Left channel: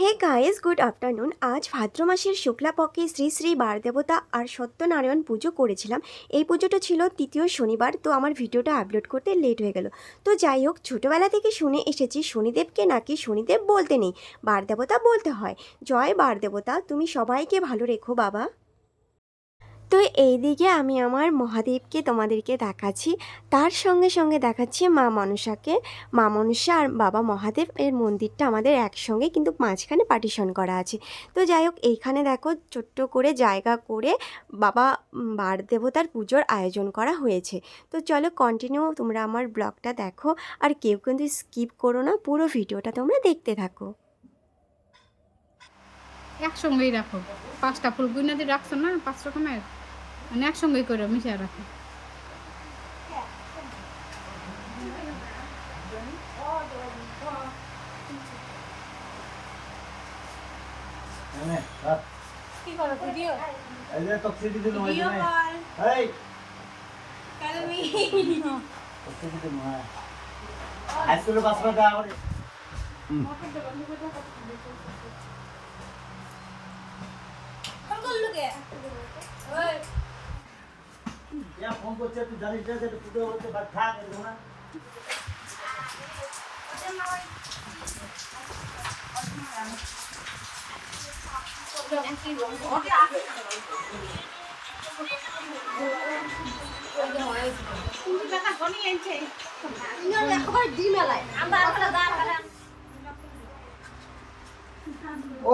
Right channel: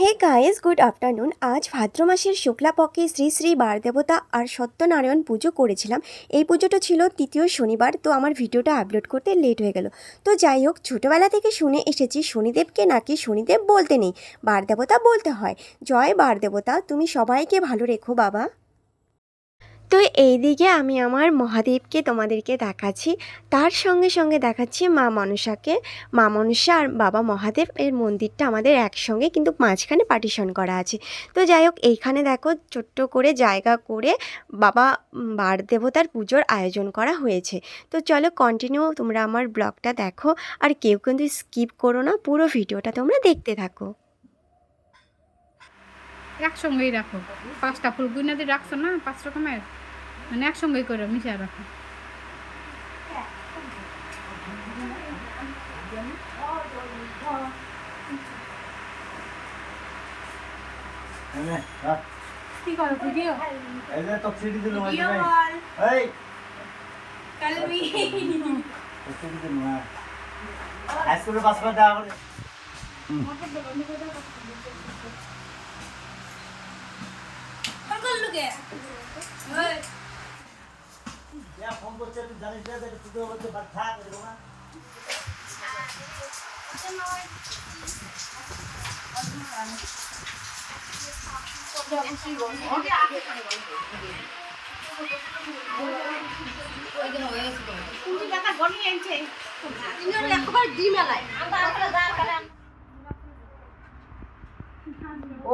হে guys, good afternoon. আজ ভাদ্র মাসের শুক্লাপক্ষে শ্রী শ্রী বারদেবতা আর সত্যনারায়ণ পুজো করেছিলাম। এই পুজোটা ছিল তৃতীয় শনিবার, তো আমার ভিডিওটা আপলোড করতে লেট হয়ে গেল। তো যাই হোক, ছোটোবেলা থেকে শুনে এসেছি, শনিদেবকে নাকি শনিদেব বলতে নেই, বারদেবতা বলতে হয়। জয় বারদেবতা, তুমি সবাইকে ভালো রেখো বাবা। তো এইদিকে আমি আমার মহাদেবকে তোমাদেরকে দেখাচ্ছি। তার সঙ্গে সঙ্গে দেখাচ্ছি মা মনসাকে। মা মনসা আর বাবা মহাদেব এর মন্দিরটা আমাদের একসঙ্গে কিন্তু মাঝখানে পার্টিশন করা আছে। তো যাই হোক, এইখানে দেখো ছোট্ট করে জায়গা করে বাবা বার দেবতার পুজোর আয়োজন করা হয়েছে। তো চলো কন্টিনিউ তোমরা আমার ব্লগটা দেখো আর কেউ কিন্তু স্কিপ করো না, পুরো ভিডিওটা তোমরা দেখতে থাকো। একসঙ্গেই রাখো। পাঁচটা ফুল গুইনা রাখছো না? পাঁচ রকমের? মানে একসঙ্গেই করে মিশিয়ে রাখো। কি করো ভিডিও? এই যে দিল মানে এই। দিল হ্যাঁ। মিনিট দেখা করে ইয়া ফোন করছে তুই জানিস না যে তুই হচ্ছে বাদ থাক না।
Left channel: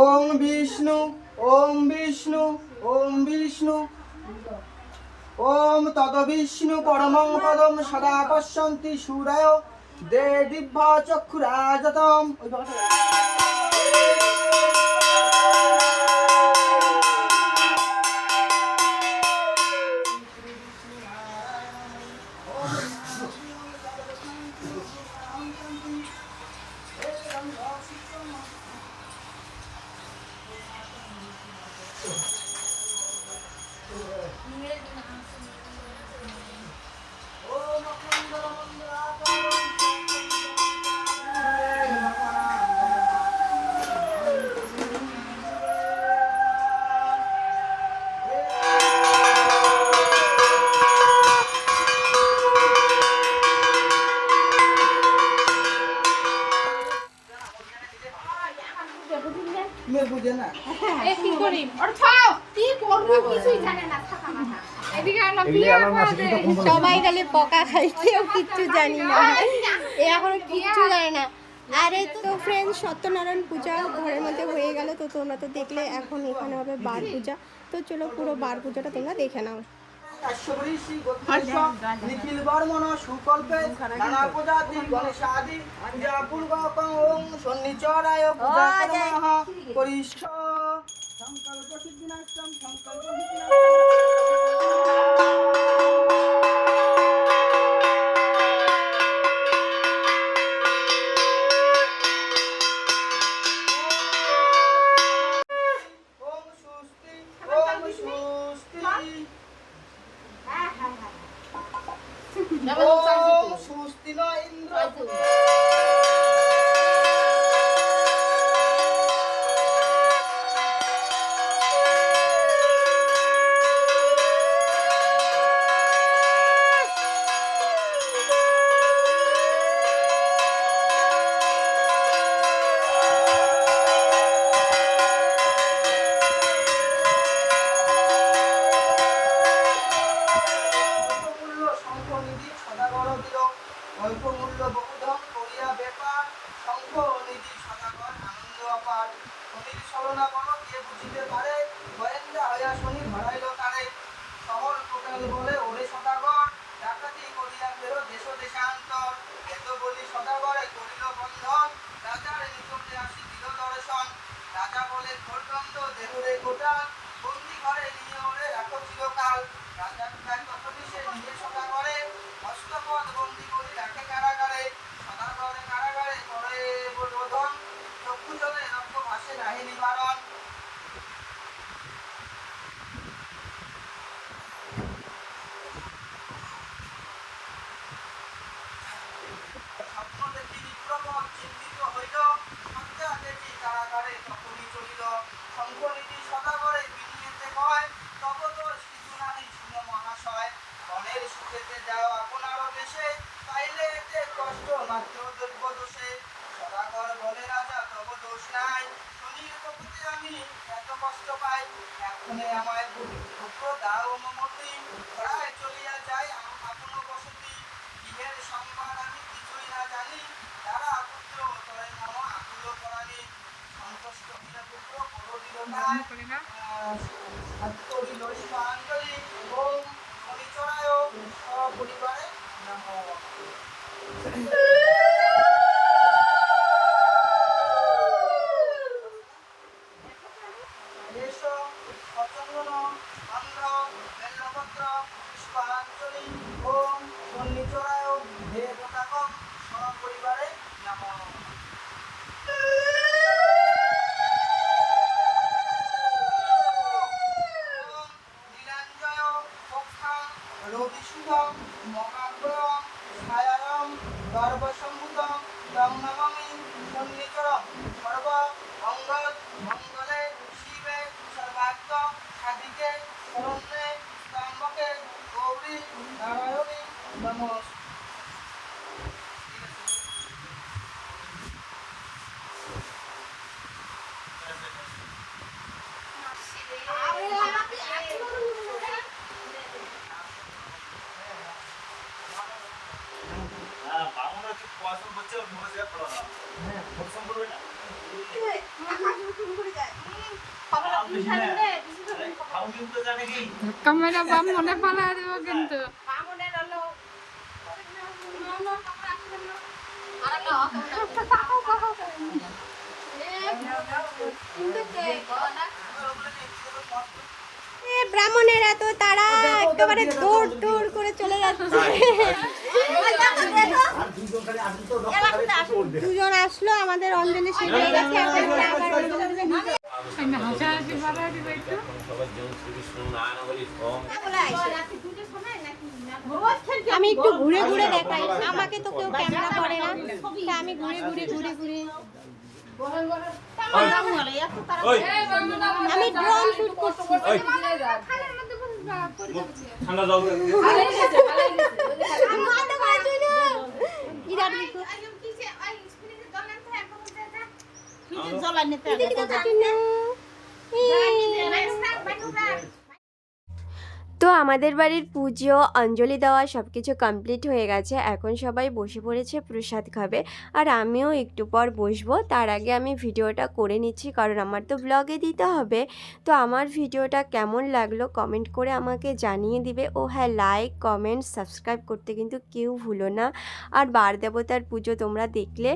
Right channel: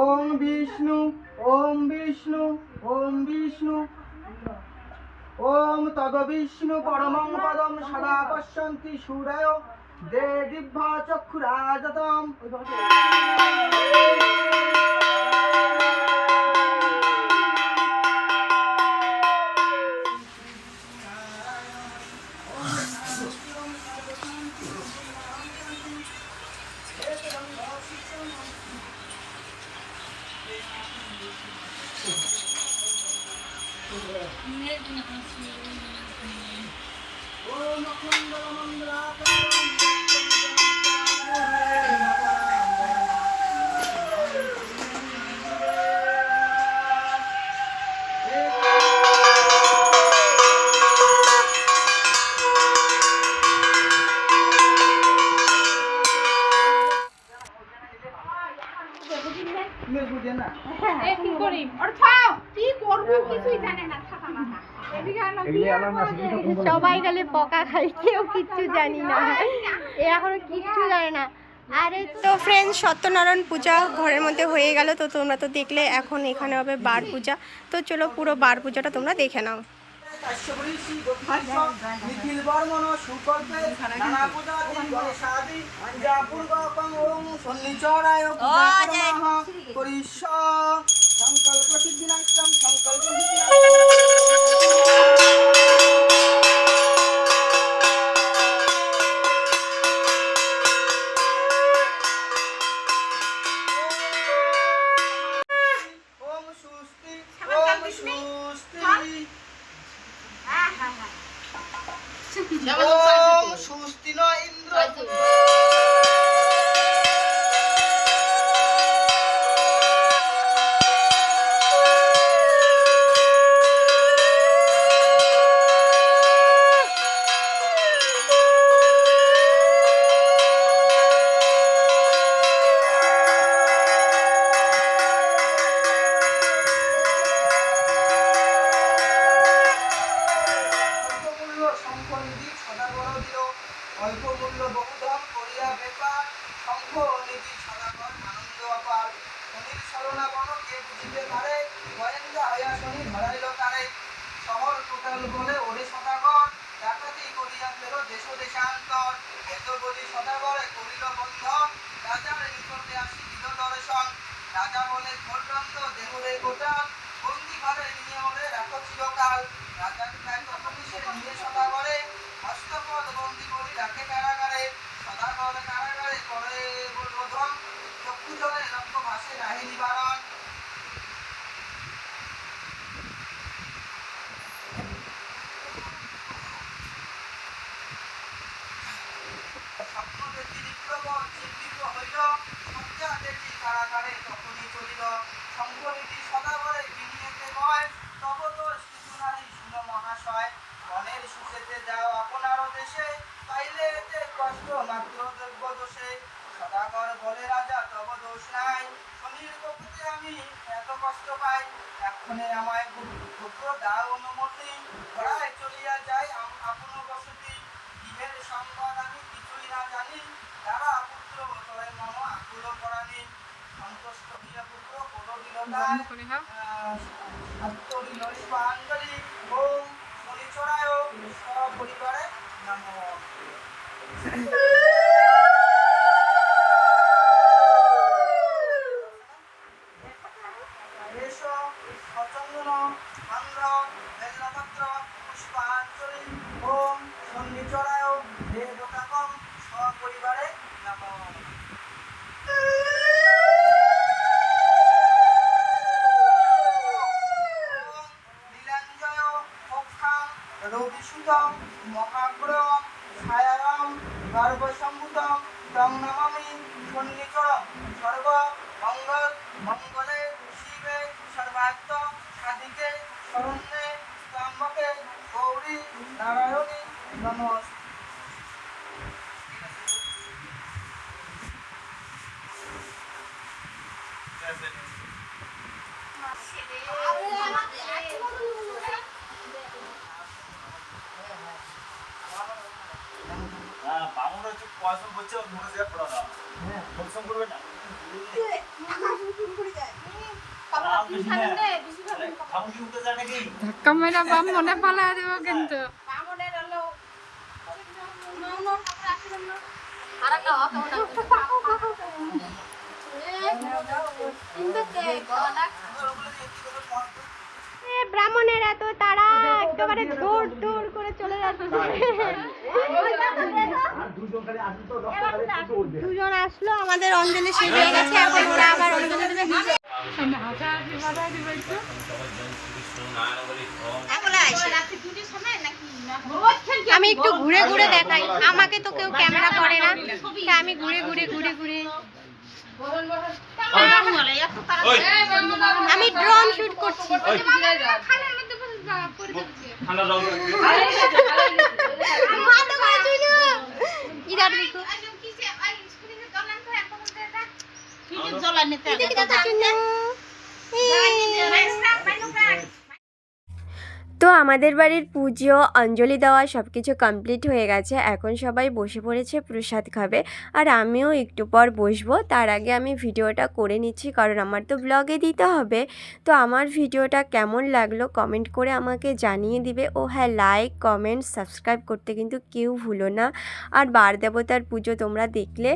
ওম বিষ্ণু ওম বিষ্ণু ওম বিষ্ণু। ওম তদ বিষ্ণু পরমং পদম সদা পশ্যন্তি সুরায় দে দিব্য চক্ষুরাজতম। বুঝে না। এ কি করি? আর ছাও কি করব? কিছুই জানে না থাকা না। সবাই খালি পকা খাই কেউ কিচ্ছু জানি না। এ এখনও কিচ্ছু জানে না। আরে তো ফ্রেন্ড সত্যনারায়ণ পূজা ঘরের মধ্যে হয়ে গেল। তো তোমরা তো দেখলে এখন এখানে হবে বার পূজা। তো চলো পুরো বার পূজাটা তোমরা দেখে নাও। কাশ্যপঋষি গোত্রস্য নিখিল বর্মণ সুকল্পে নানা পদাতি গণেশাদি পূর্বকং ওং সন্নিচরায় পূজা করিষ্য সংকল্প সিদ্ধিনাষ্টম সংকল্প দিল রাজা বলে ছোটন্দ দেহরে গোটাল, বন্দি ঘরে নিয়ে ওরে রাখো চিরকাল। রাজা খায় তখনই সে নিয়ে এক্ষণে আমায় পুত্র দাও অনুমতি প্রায় চলিয়া যাই আপন বসতি গৃহের সংবাদ আমি কিছুই না জানি তারা পুত্র তরে মম আকুল করানি সন্তুষ্ট হইয়া পুত্র পদবিলতায় সত্তরি ললিপা পক্ষাং রবিসুতং মহাগ্রহং ছায়ায়ং তম নমামি সন্নিকরম সর্ব মঙ্গল মঙ্গলে শিবে সর্বাত্ম সাধিকে শরণ্যে স্তম্ভকে গৌরী নারায়ণী নমঃ হ্যাঁ বামুনরা একটু পড়াশোনা করছে ওর মুখে পড়া না হ্যাঁ পরিশ্রম করবে না ধাক্কা মেরা বাম মনে পালা দেব কিন্তু। ব্রাহ্মণেরা তো তারা একেবারে দৌড় দৌড় করে চলে যাচ্ছে। দুজন খালি আসলে আমাদের অঞ্জলি শেষ হয়ে গেছে এখন ওরা আবার অঞ্জলি দেবে আমি একটু ঘুরে ঘুরে দেখাই। আমাকে তো কেউ ক্যামেরা করে না আমি ঘুরে ঘুরে ঘুরে ঘুরে। আমি ড্রোন শুট করছি। ঠান্ডা জল। ইধার দেখো আমি কি তো আমাদের বাড়ির পুজো, অঞ্জলি দেওয়া সব কিছু কমপ্লিট হয়ে গেছে। এখন সবাই বসে পড়েছে প্রসাদ খাবে। আর আমিও একটু পর বসবো। তার আগে আমি ভিডিওটা করে নিচ্ছি, কারণ আমার তো ব্লগে দিতে হবে। তো আমার ভিডিওটা কেমন লাগল কমেন্ট করে আমাকে জানিয়ে দিবে। ও হ্যাঁ লাইক কমেন্ট সাবস্ক্রাইব করতে কিন্তু কেউ ভুলো না। আর বার দেবতার পুজো তোমরা দেখলে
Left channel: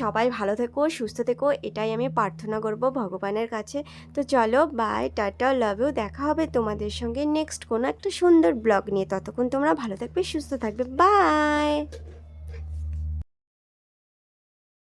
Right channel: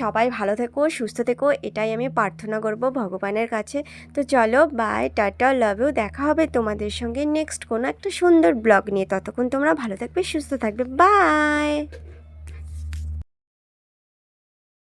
সবাই ভালো থেকো, সুস্থ থেকো, এটাই আমি প্রার্থনা করব ভগবানের কাছে। তো চলো বাই টাটা লাভ ইউ দেখা হবে তোমাদের সঙ্গে নেক্সট কোনো একটা সুন্দর ব্লগ নিয়ে ততক্ষণ তোমরা ভালো থাকবে সুস্থ থাকবে বাই